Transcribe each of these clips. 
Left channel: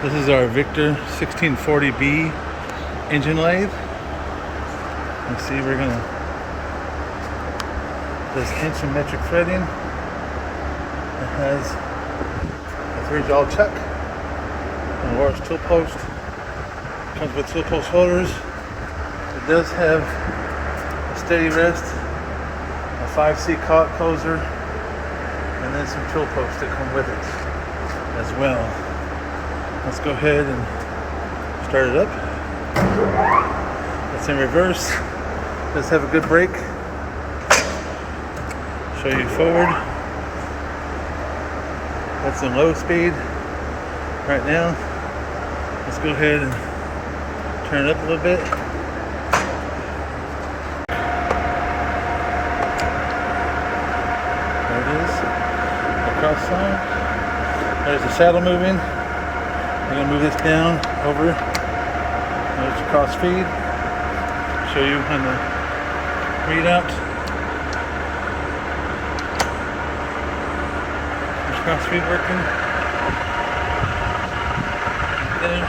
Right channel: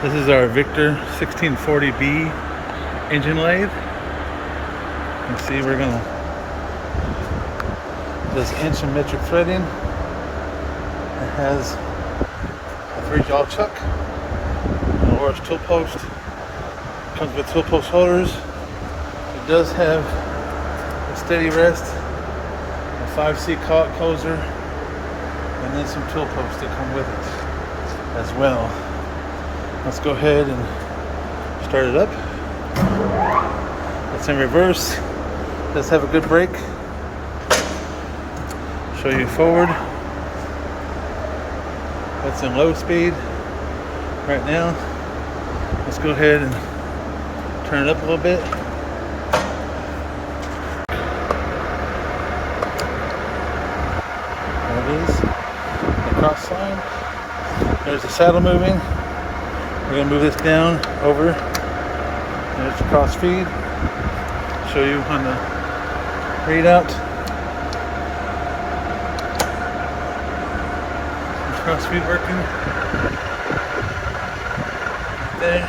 This is our Victor 1640B engine lathe. You can see we're gonna this inch and metric threading. It has a 3-jaw chuck, an orange tool post. Comes with tool post holders. It does have a steady rest, a 5C closer, and then some tool posts that come with it as well. Let's go ahead and start it up. It's in reverse. It does have a good brake. Show you forward. That's in low speed right now. Let's go ahead and turn it up a little bit. There it is. The cross line. There's the saddle moving. We're going to move this down over. There's the cross feed. Show you on the readout. The cross feed working. Right there.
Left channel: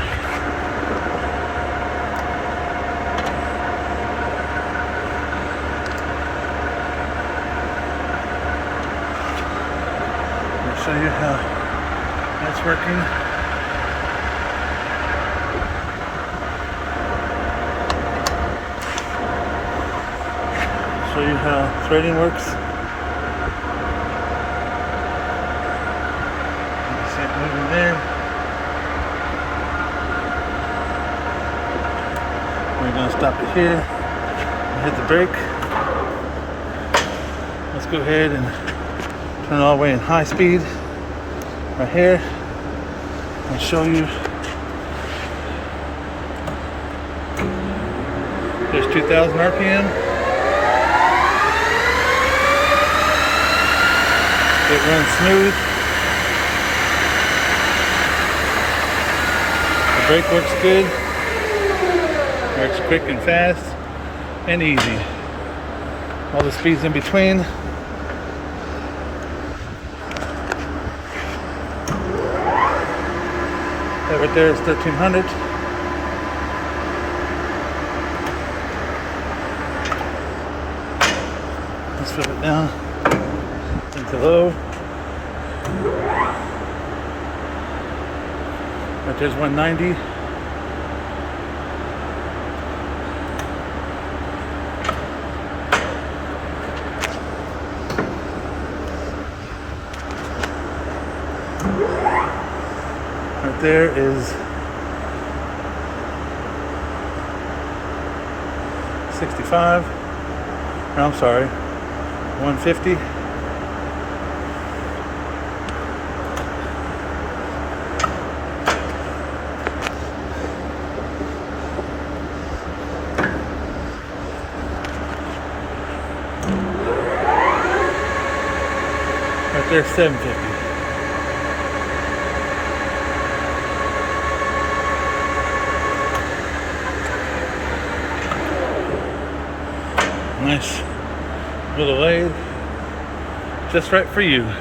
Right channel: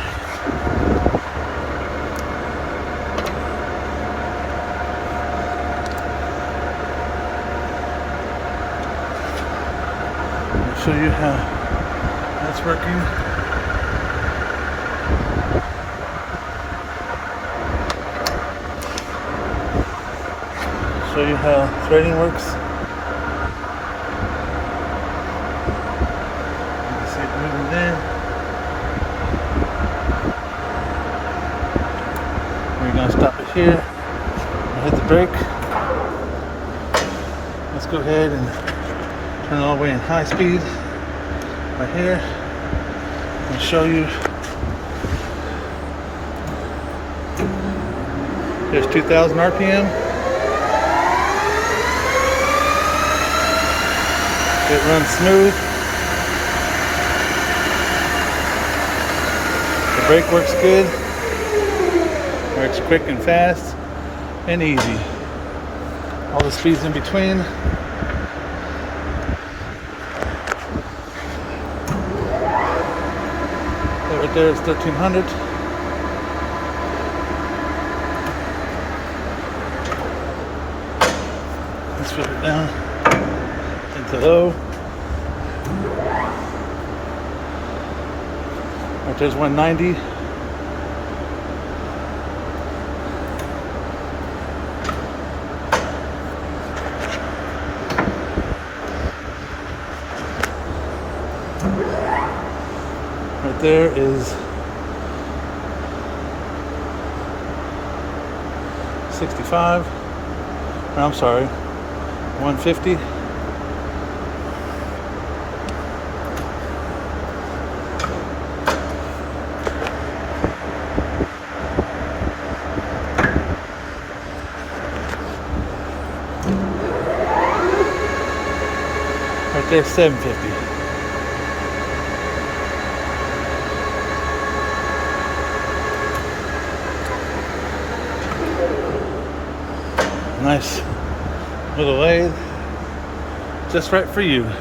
I'll show you how that's working. Show you how threading works. You can see it moving there. We're going to stop it here and hit the brake. Let's go ahead and turn it all the way in high speed right here and show you. There's 2,000 RPM. It runs smooth. The brake works good. Works quick and fast and easy. All the speeds in between. That right there is 1300. Let's flip it down into low. Right there's 190. Right there is 65. Or I'm sorry, 150. Right there, 750. Nice little lathe, just right for you.